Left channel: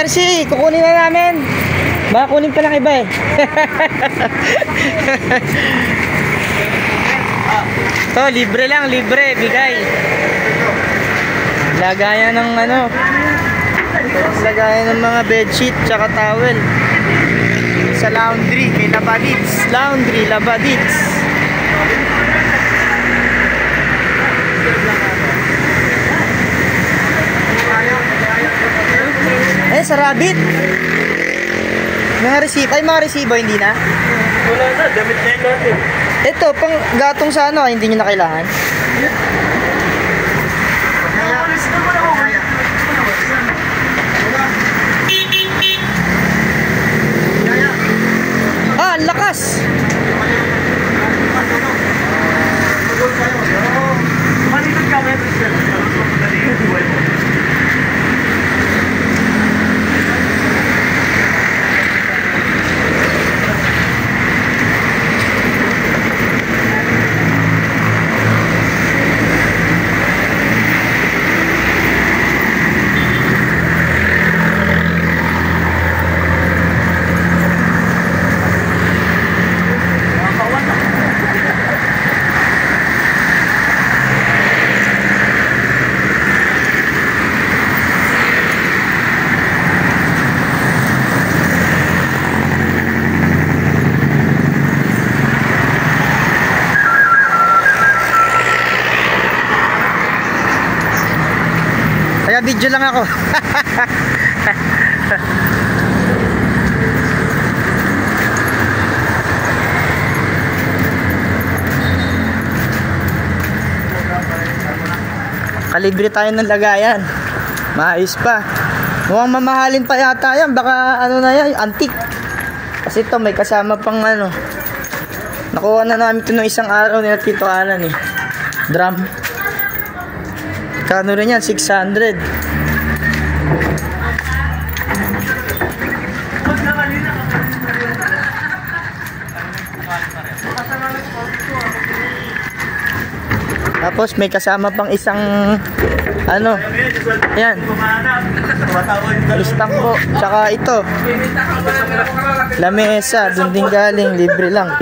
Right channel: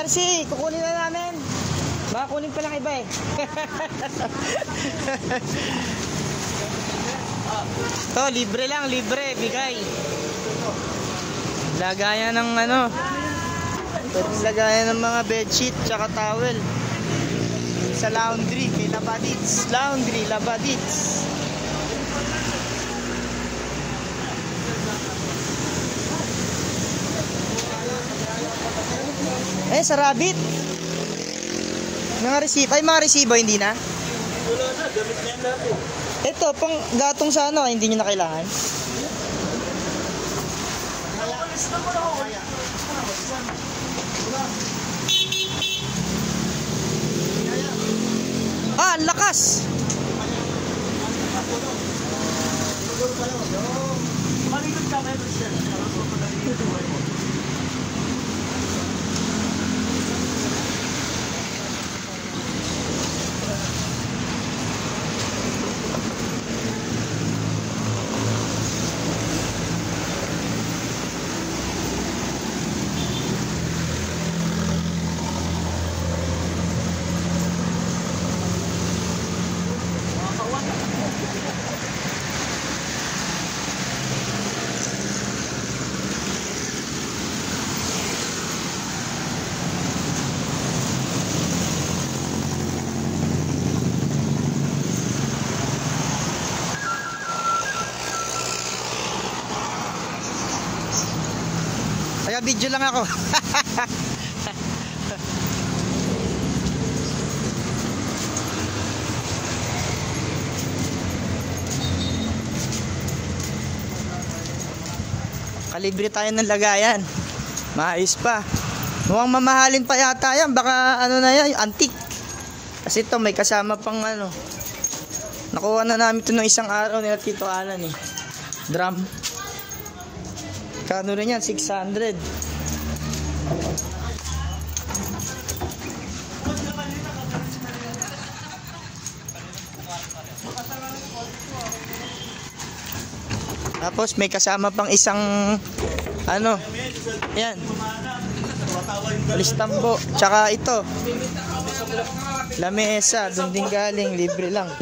Mercy, kukunin na namin. Baka kunin pa lang iba eh. To, libre lang, libre, bigay. Lagayan ng ano, lagayan ng mga bedsheet tsaka towel. Sa laundry, kay Labadits. Laundry, Labadits. Eh, sa Rabbit. Mga resibo, ay mga resibo, hindi na? Wala na, damit na yun natin. Ito, pang gatong sa ano, hindi nyo na kailangan? Ah, ang lakas! Malikot kami, video lang ako. Kalibre tayo ng lagayan. Maayos pa. Mukhang mamahalin pa yata yan. Baka ano na yan, antique. Kasi ito may kasama pang ano. Nakuha na namin ito ng isang araw nila Tito Alan eh. Drum. Kano rin yan? 600. Tapos may kasama pang isang ano. Ayan. Listang po. Tsaka ito. Lamesa. Doon din galing. Libre lang.